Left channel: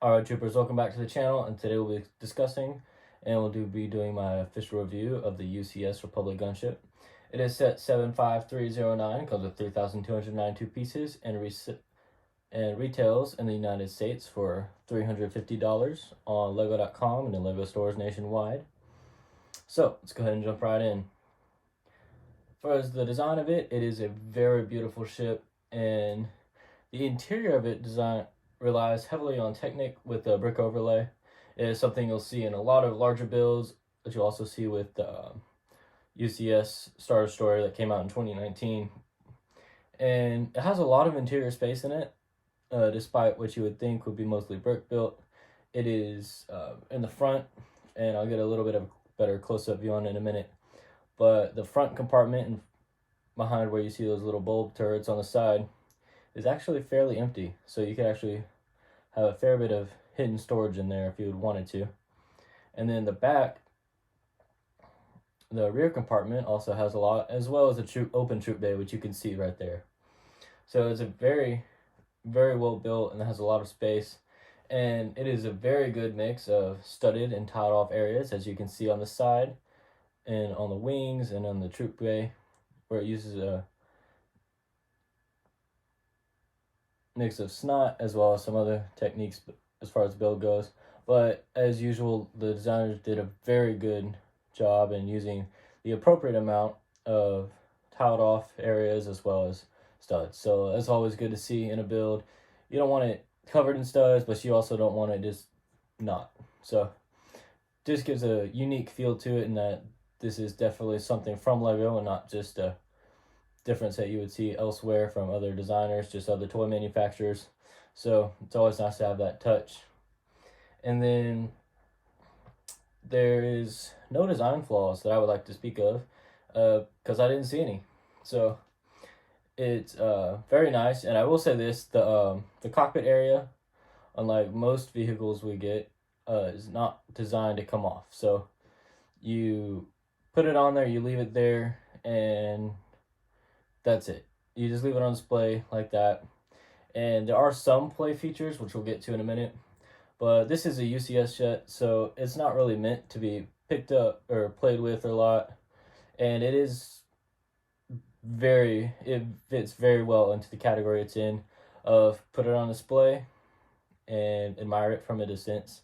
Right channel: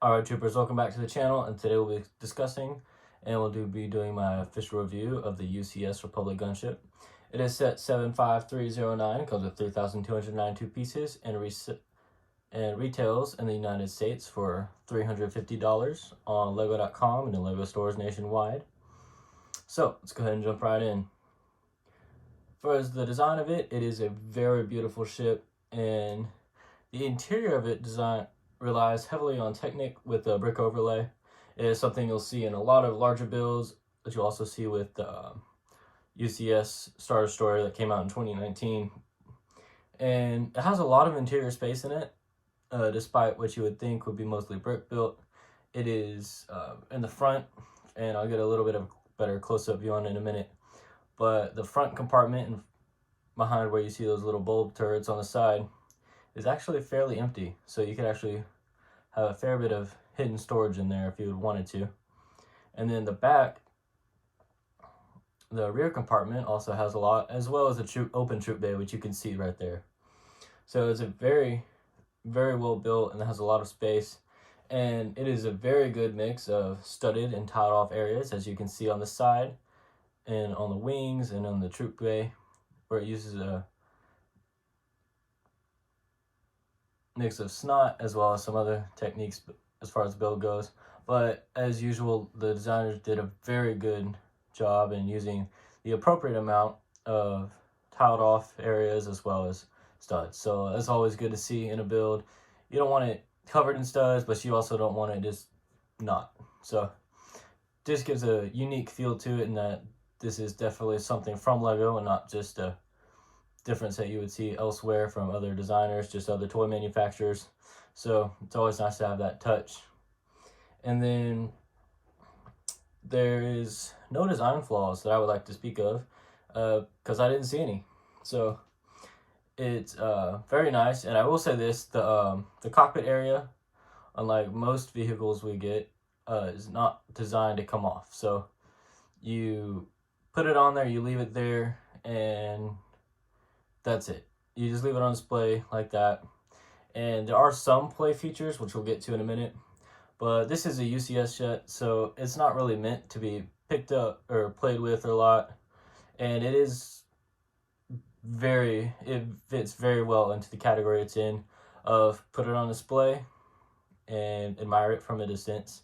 Alright troopers, welcome back to the channel, and today we'll be discussing and we'll be doing my official review of the UCS Republic Gunship. It is set 75309, comes with 3,292 pieces, and retails in the United States for $350 on Lego.com and in Lego stores nationwide. So let's go ahead and jump right in. For the design of it, it is a very beautiful ship, and the interior of it relies heavily on Technic with the brick overlay. It is something you'll see in a lot of larger builds, that you'll also see with the UCS Star Destroyer that came out in 2019. And it has a lot of interior space in it, despite what you would think would be mostly brick built. It is in the front, and I'll get a little bit of a better close-up view on it in a minute. But the front compartment and behind where you see those little bulb turrets on the side is actually fairly empty, so you could actually have a fair bit of hidden storage in there if you would wanted to. And then the back, the rear compartment also has a lot, as well as a open troop bay, which you can see right there. So it's a very, very well built and has a lot of space, and it is a very good mix of studded and tiled off areas, as you can see on the side and on the wings and on the troop bay, where it uses a mix of snot as well as some other techniques as far as build goes. But as usual, the designers did a very good job in using the appropriate amount of tiled off areas as well as studs. So that's always good to see in a build. You don't want it covered in studs, but you also don't want it just not. So this gives a unique feel to it, in that this is definitely something from Lego and not just a difference that you would see elsewhere from other designers, just other toy manufacturers. So it's always nice to have that touch. And then there is no design flaws that I would like to speak of, because I didn't see any. So it's very nice. And I will say this, the cockpit area, unlike most vehicles we get, is not designed to come off. So you put it on there, you leave it there, and that's it. You just leave it on display like that. And there are some play features, which we'll get to in a minute, but this is a UCS jet, so it's not really meant to be picked up or played with a lot. And it fits very well into the category it's in, of put it on display and admire it from a distance.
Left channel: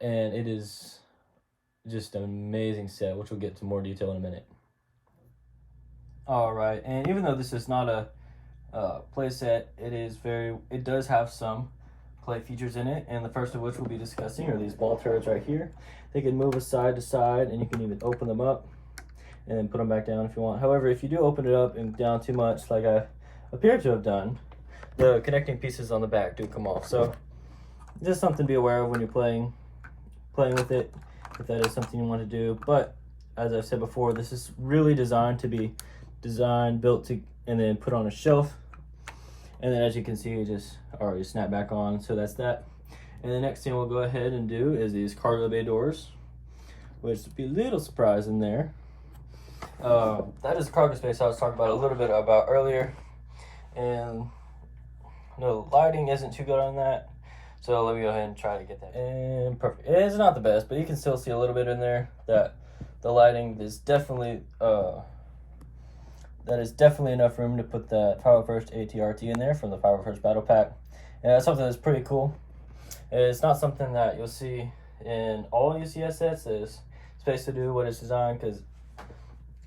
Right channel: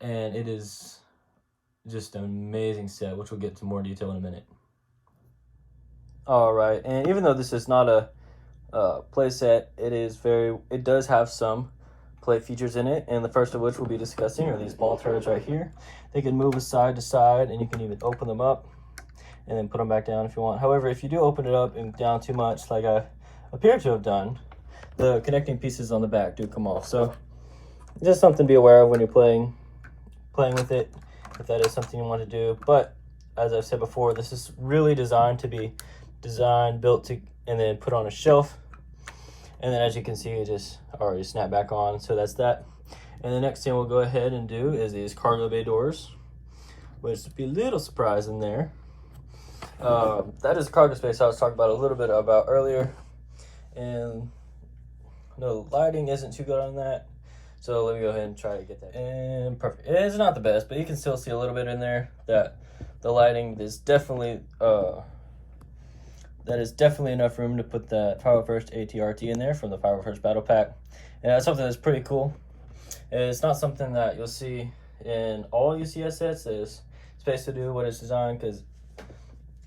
And it is just an amazing set, which we'll get to more detail in a minute. All right, and even though this is not a play set, it does have some play features in it, and the first of which we'll be discussing are these ball turrets right here. They can move side to side, and you can even open them up and then put them back down if you want. However, if you do open it up and down too much, like I appear to have done, the connecting pieces on the back do come off. So just something to be aware of when you're playing with it, if that is something you want to do. But as I've said before, this is really designed to be built to, and then put on a shelf. And then as you can see, it just already snapped back on. So that's that. And the next thing we'll go ahead and do is these cargo bay doors, which would be a little surprising there. That is the cargo space I was talking about a little bit about earlier. And no, lighting isn't too good on that. So let me go ahead and try to get that. And perfect. It's not the best, but you can still see a little bit in there. That the lighting is definitely that is definitely enough room to put that 501st ATRT in there from the 501st Battle Pack. And that's something that's pretty cool. It's not something that you'll see in all UCS sets. There's space to do what it's designed, because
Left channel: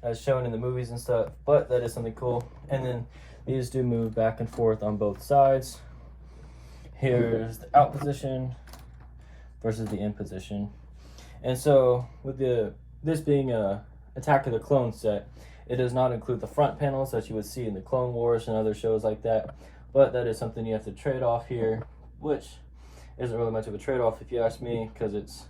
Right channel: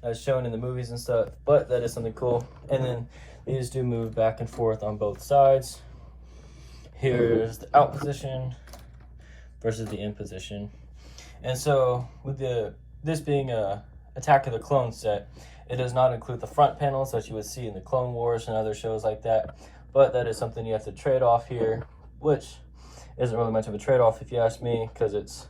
as shown in the movies and stuff, but that is something cool. And then these do move back and forth on both sides. Here's the out position versus the in position. And so with this being a Attack of the Clones set, it does not include the front panels that you would see in the Clone Wars and other shows like that, but that is something you have to trade off here, which isn't really much of a trade-off if you ask me, because it's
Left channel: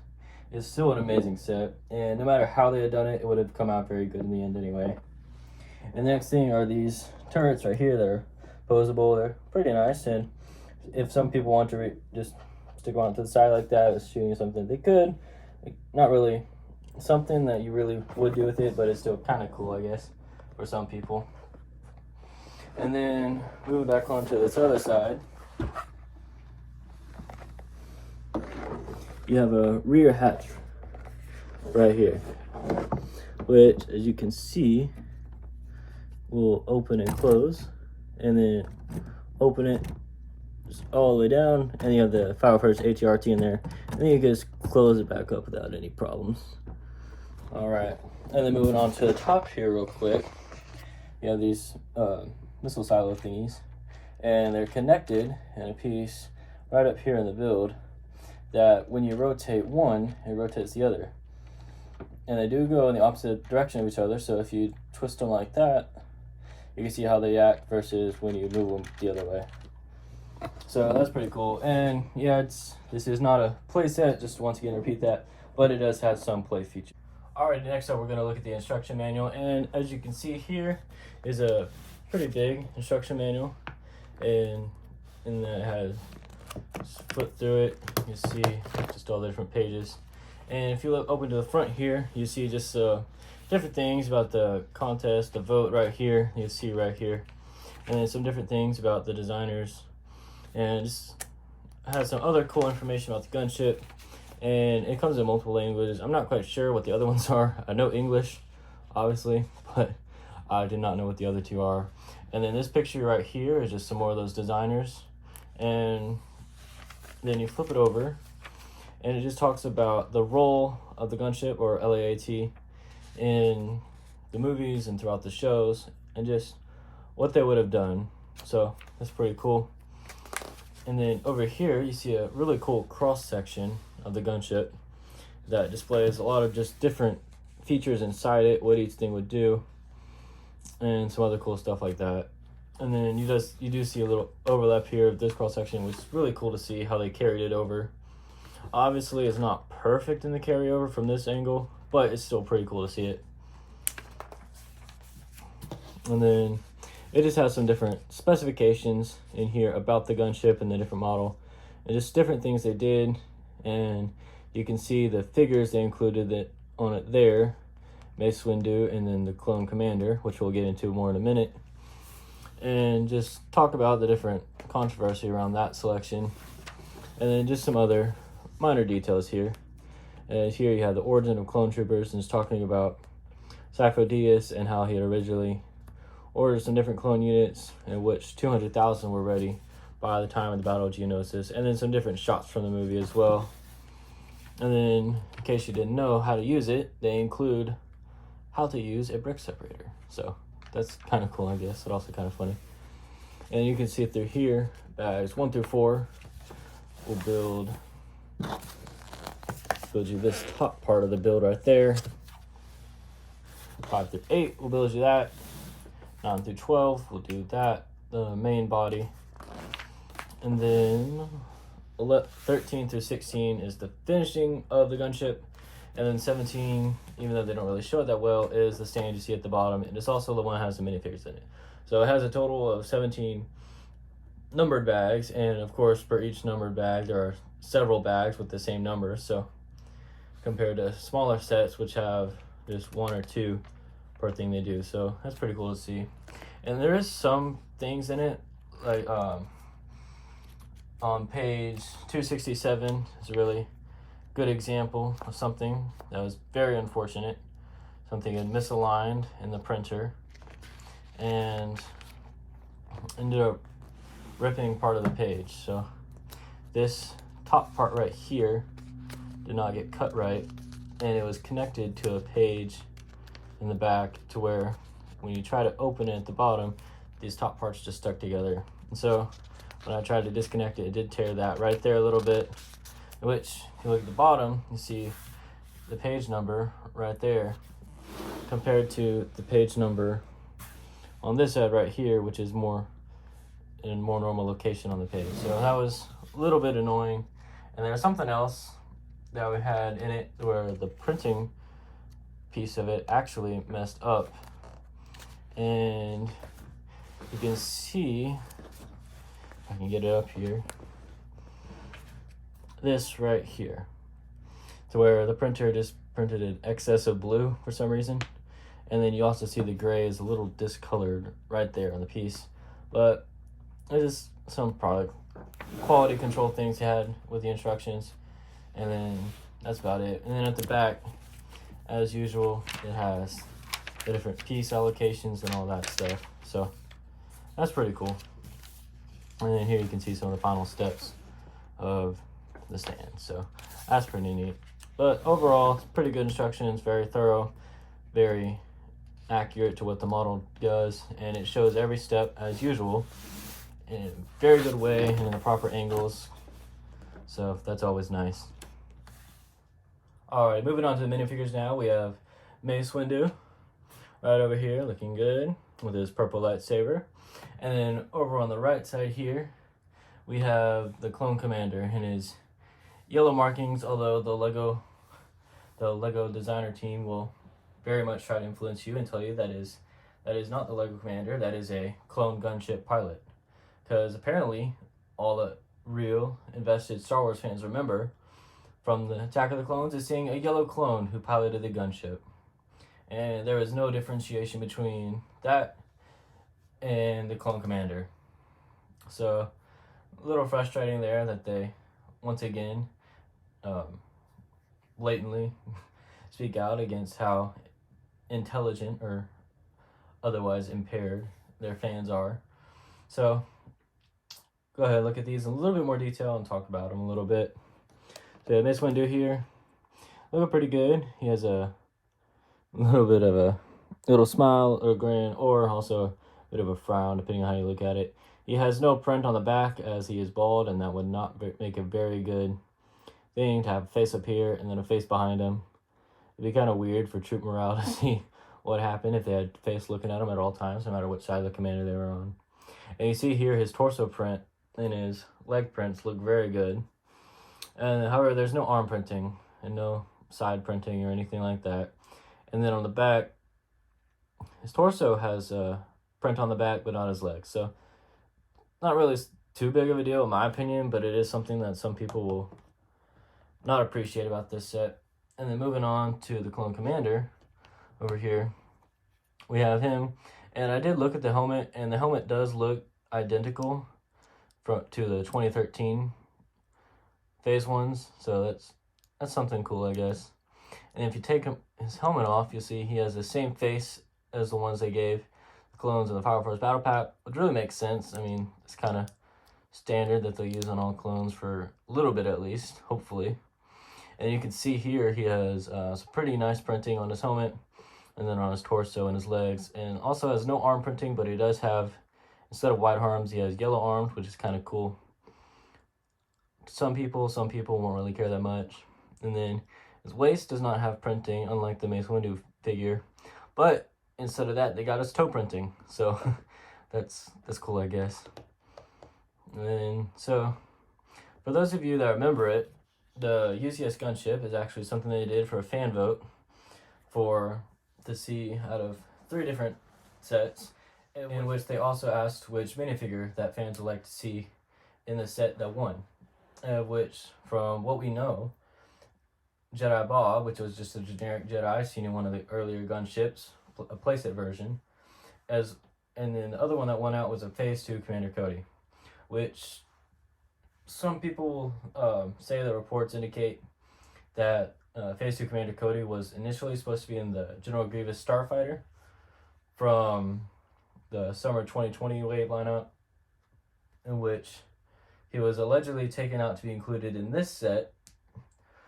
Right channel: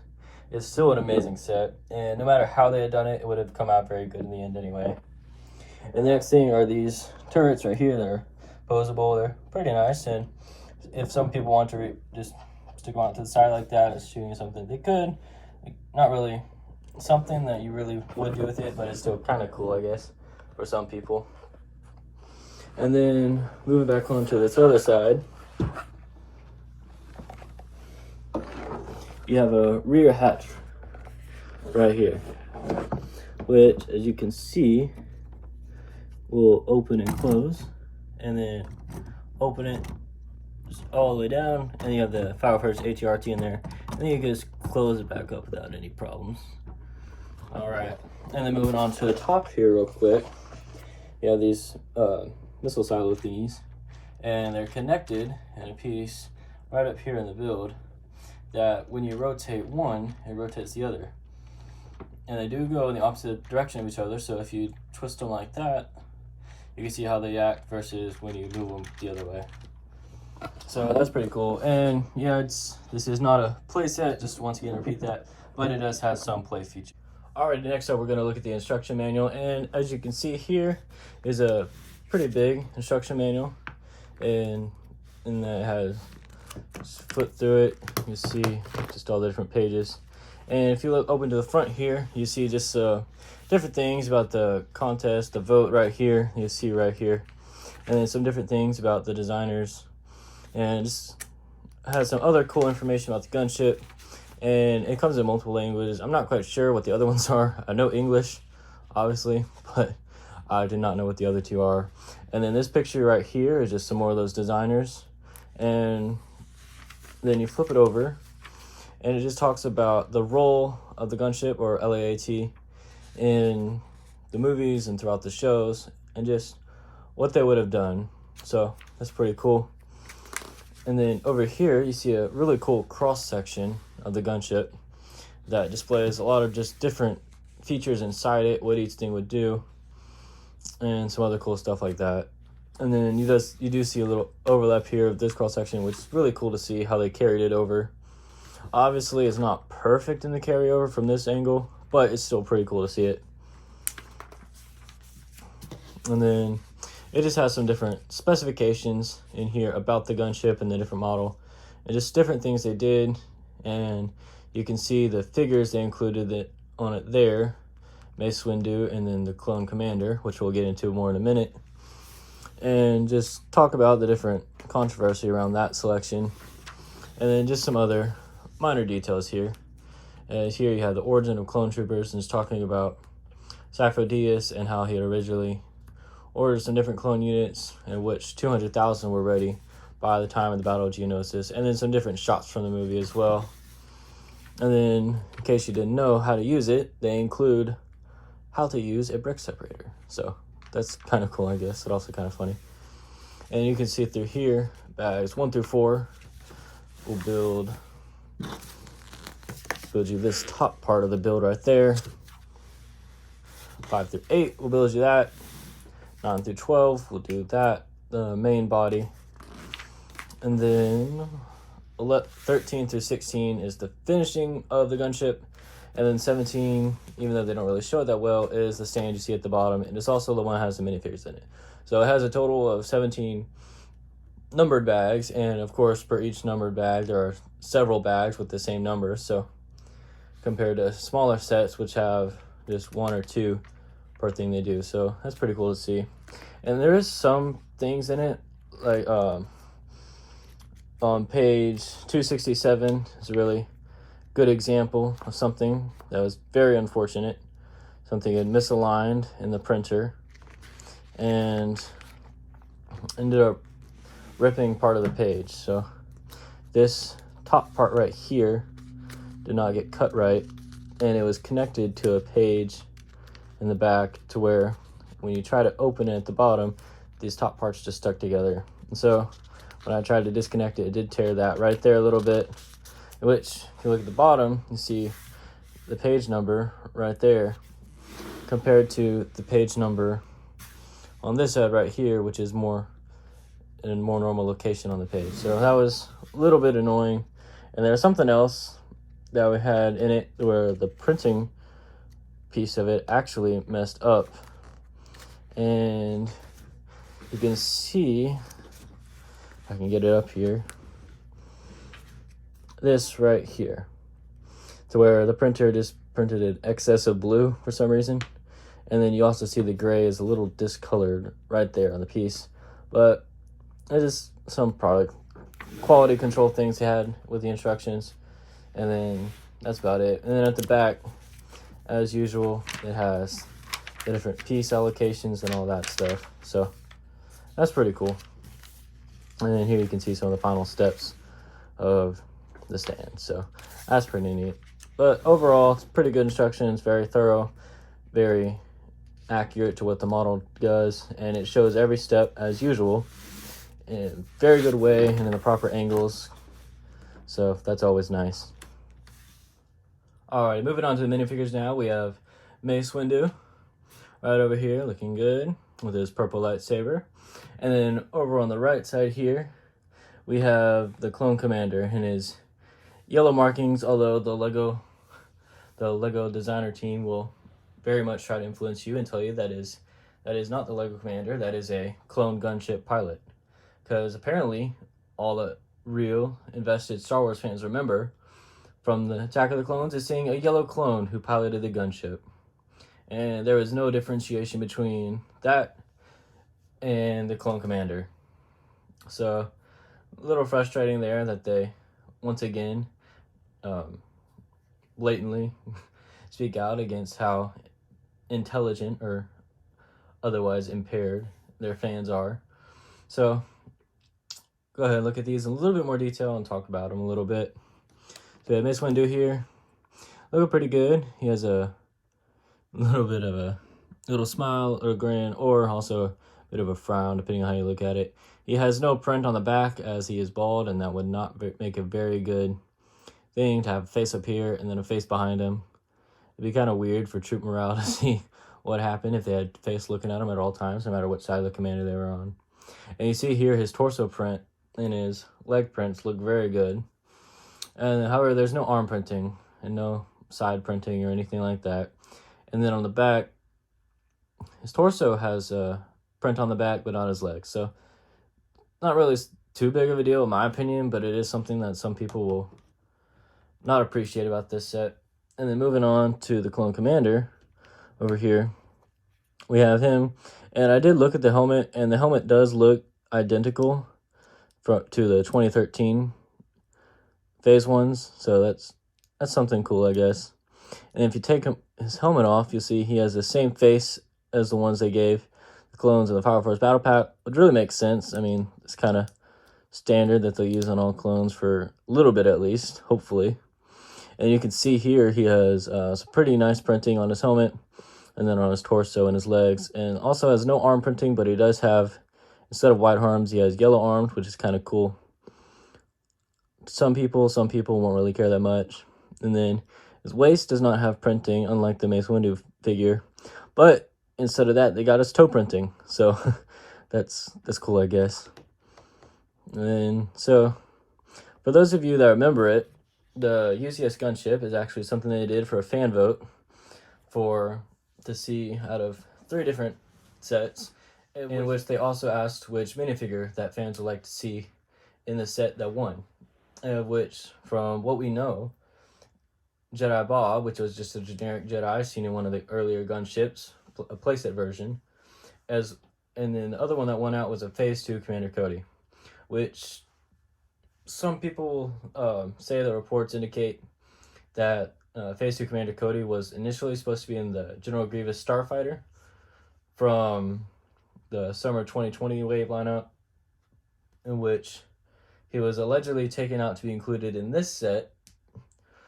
still an amazing set, and no matter how they had done it, it would have come out very good in the end anyway. And the next thing are these turrets right here that are posable. They're pretty nice, and if some people want to just stick them out to the side like that as shooting something, they could. Not really something that you really would do with it, but it's still kind of cool, I guess, for some people. And then moving back onto this other side, you have a rear hatch right here, which, as you can see, will open and close, and then open it just all the way down, and you have the fire first HRT in there, and then you can just close it back up without any problems. All right, and then moving on to the top here real quick, you have these missile silo thingies, and they're connected in a piece right up here in the build that when you rotate one, it rotates the other. And they do go in the opposite direction of each other, so if you twist them like that, you can see how they act versus when you move them the other way. So that's pretty cool. And yeah, this is not a play set, just once again repeat that, but it does have some play features. Alright, next up we're going to look at the instruction manual, and as you can see here is a pretty big instruction manual, and that has, just flip through it, you see just all the different pages. And if you look open to the front here, you see just different things about the contest, the vote right here, you see right here, and then some different things about the designers, and just has some other cool information about the gunship. And it comes in multiple languages. I'm not quite sure what the other ones are. I know English, obviously, but I did not know what the other two are. And then this picture right here is just some more of those designers. And then you flip it over, and it just talks about the role of the gunship, or LAAT, in the movies and throughout the shows, and just what they would have done. So that's pretty cool. And then over here, you see a really cool cross section of the gunship that displays a lot of just different features inside it, what each thing would do, and some other cool stuff like that. And then you do see a little overlap here of this cross section, which is really cool to see how they carried it over. Obviously, it's not perfect in the carryover from this angle, but it's still pretty cool to see it. And then it just has some different specifications in here about the gunship and the different model, and just different things they did. And you can see the figures they included on it there, Mace Windu, and then the clone commander, which we'll get into more in a minute, and just talk about the different controversy around that selection, and then just some other minor details here. As here you have the origin of clone troopers, and it's talking about Sacridius and how he had originally ordered some different clone units, in which 200,000 were ready by the time of the Battle of Geonosis, and then some different shots from the movie as well. And then, in case you didn't know how to use it, they include how to use a brick separator. So that's kind of cool, I guess, but also kind of funny. And you can see through here, bags 1 through 4 will build you this top part of the build right there. 5 through 8 will build you that. 9 through 12 will do that, the main body. And then 13 through 16 is the finishing of the gunship. And then 17, even though they don't really show it that well, is the stand you see at the bottom. And it's also the one that has the minifigures in it. So it has a total of 17 numbered bags. And of course, for each numbered bag, there are several bags with the same numbers. So compared to smaller sets, which have just 1 or 2 per thing they do. So that's pretty cool to see. And there is some things in it, like on page 267 is a really good example of something that was very unfortunate. Something had misaligned in the printer and ended up ripping part of the page. So this top part right here did not get cut right, and it was connected to a page in the back to where when you try to open it at the bottom, these top parts just stuck together. And so when I tried to disconnect it, it did tear that right there a little bit, which if you look at the bottom, you see the page number right there compared to the page number on this side right here, which is more in a more normal location on the page. So that was a little bit annoying. And there's something else that we had in it where the printing piece of it actually messed up. And you can see, if I can get it up here, this right here, to where the printer just printed an excess of blue for some reason. And then you also see the gray is a little discolored right there on the piece. But it is some product quality control things they had with the instructions. And then that's about it. And then at the back, as usual, it has the different piece allocations and all that stuff. So that's pretty cool. And then here you can see some of the final steps of the stand. So that's pretty neat. But overall, it's pretty good instructions, very thorough, very accurate to what the model does, and it shows every step as usual in a very good way and in the proper angles. So that's always nice. All right, moving on to the minifigures now. We have Mace Windu right over here, looking good with his purple lightsaber. And then over on the right side here, we have the Clone Commander and his yellow markings, although the Lego designer team will very much try to influence you and tell you that is not the Lego Commander, that is a clone gunship pilot. Because apparently all the real invested Star Wars fans remember from the Attack of the Clones is seeing a yellow clone who piloted the gunship. And there was no differentiation between that and the Clone Commander. So a little frustrating there that they once again blatantly speak out against how intelligent or otherwise impaired their fans are. So go ahead and look at these in a little bit more detail and talk about them a little bit. So yeah, Mace Windu here, looking pretty good. He has a little bit of a little smile or grin, or also a bit of a frown depending on how you look at it. He has no print on the back as he is bald, and that would not make a very good thing to have a face up here and then a face behind him. It'd be kind of weird for troop morale to see what happened if they had face looking at him at all times, no matter which side of the commander they were on. And you see here his torso print and his leg prints look very good. And however, there's no arm printing and no side printing or anything like that. And then on the back, his torso has a print on the back, but not his legs. So not really too big of a deal in my opinion, but it is something that some people will not appreciate about this set. And then moving on to the Clone Commander over here, we have him. And I did look at the helmet, and the helmet does look identical to the 2013 phase ones. So that's something cool, I guess. And if you take his helmet off, you'll see he has the same face as the ones they gave the clones in the Power Force Battle Pack, which really makes sense. I mean, it's kind of standard that they'll use on all clones for a little bit at least, hopefully. And you can see here he has some pretty nice printing on his helmet, and then on his torso and his legs, and also has no arm printing, but he does have, instead of white arms, he has yellow arms, which is kind of cool. Some people won't really care that much. And then his waist does not have printing, unlike the Mace Windu figure, but instead of that, they got his toe printing, so that's cool, I guess. And so, for those of you that remember it, the UCS Gunship is actually something they did for a fan vote to see out of 3 different sets, in which they also asked which minifigure that fans would like to see in the set that won. Which, from what we know, Jedi Bob, which was just a generic Jedi seen in one of the earlier gunships, a playset version, and then the other one that won out was a Phase 2 Commander Cody, which some people say the reports indicate that Phase 2 Commander Cody was initially supposed to be in the General Grievous Starfighter from the summer 2020 wave lineup, in which he was allegedly taken out to be included in this set,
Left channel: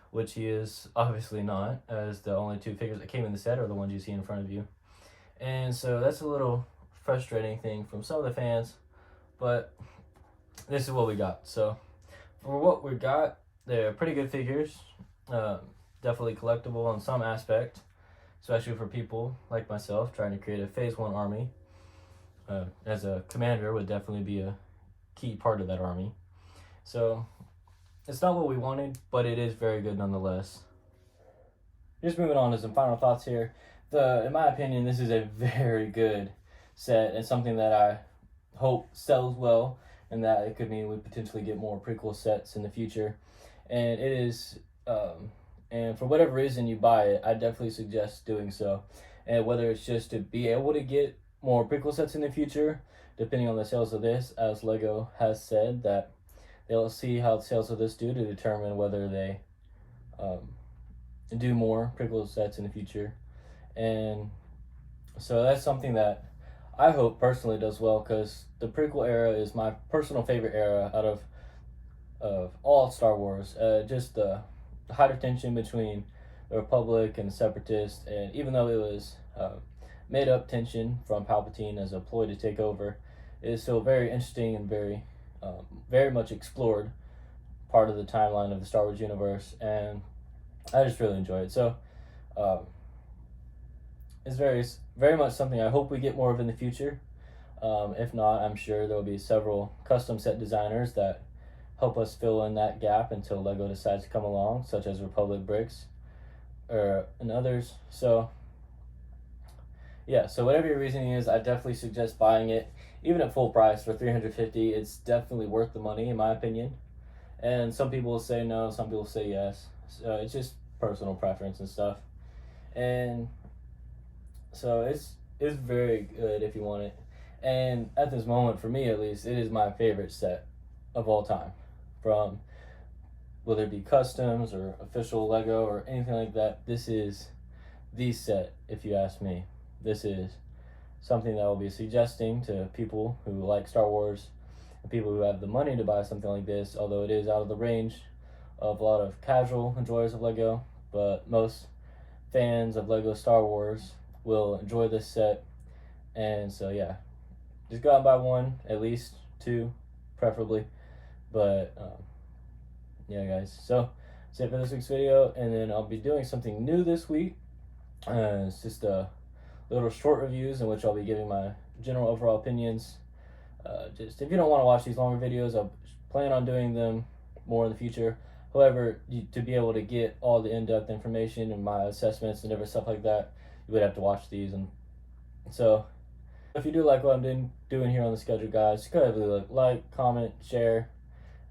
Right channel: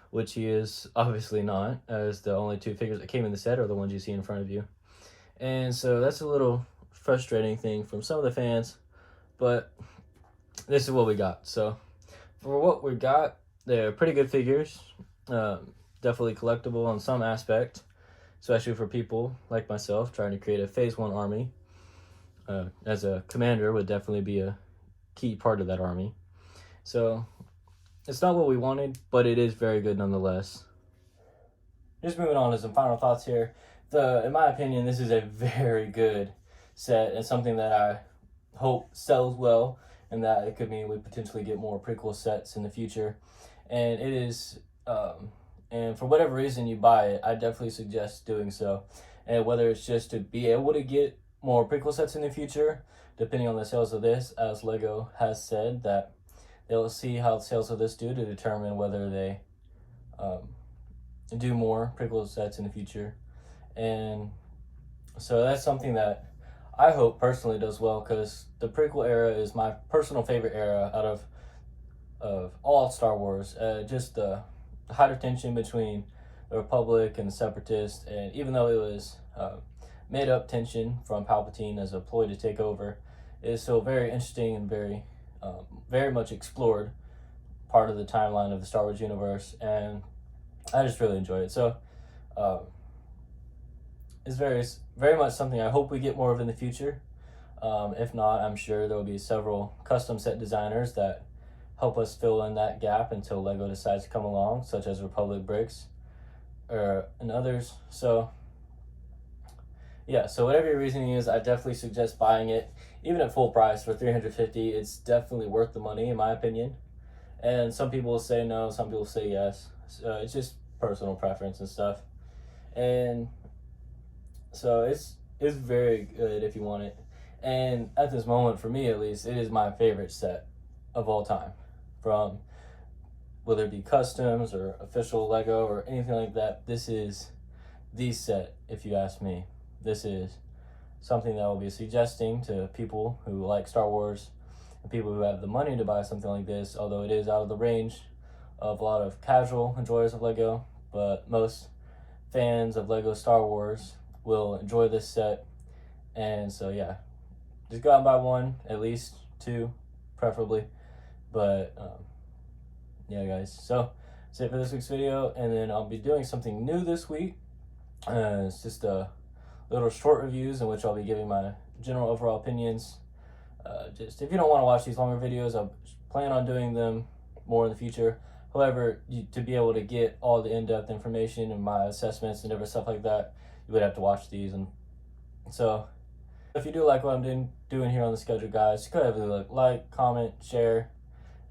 which he is obviously not, as the only 2 figures that came in the set are the ones you see in front of you. And so that's a little frustrating thing from some of the fans, but this is what we got. So for what we got, they're pretty good figures, definitely collectible on some aspect, especially for people like myself trying to create a Phase 1 army. As a commander would definitely be a key part of that army. So it's not what we wanted, but it is very good nonetheless. Just moving on to some final thoughts here. In my opinion, this is a very good set and something that I hope sells well, and that it could mean we potentially get more prequel sets in the future. And it is, and for whatever reason you buy it, I definitely suggest doing so. And whether it's just to be able to get more prequel sets in the future, depending on the sales of this, as Lego has said that they'll see how sales of this do to determine whether they do more Prickle sets in the future. And so that's something that I hope personally does well, because the prequel era is my personal favorite era out of all Star Wars. Just the high tension between the Republic and the Separatists, and even though it was made up tension from Palpatine as a ploy to take over, it is still very interesting and very much explored part of the timeline of the Star Wars universe, and I just really enjoy it. So it's very much something I hope we get more of in the future. If not, I'm sure there will be several custom set designers that help us fill in that gap until LEGO decides to come along, such as Republic Bricks and others. So yeah, so whatever your reasoning is, I definitely suggest buying it, even at full price for $350. It's definitely worth the money, in my opinion. And some people will say no, some people say yes. So it's just personal preference and stuff. And so it's very good if you want it. And at this moment, for me at least, it is my favorite set of all time. From whether it be customs or official Lego or anything like that, this is the set, if you ask me. This is something that I'll be suggesting to people who like Star Wars and people who have the money to buy something like this, although it is out of the range of a lot of casual enjoyers of Lego, but most fans of Lego Star Wars will enjoy this set. And so yeah, just go out and buy one, at least two preferably. But yeah guys, so that's it for this week's video, and then I'll be doing something new this week. It's just little short reviews in which I'll be giving my general overall opinions. Just if you don't want to watch these longer videos, I plan on doing them more in the future. However, to be able to get all the in-depth information and my assessments and different stuff like that, you would have to watch these. And so if you do like what I'm doing here on the schedule, guys, go ahead and like, comment, share,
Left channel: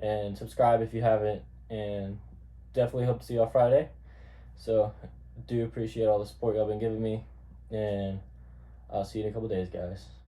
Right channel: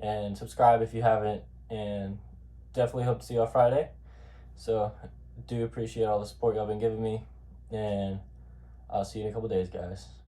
and subscribe if you haven't. And definitely hope to see you on Friday. So do appreciate all the support y'all been giving me, and I'll see you in a couple days, guys.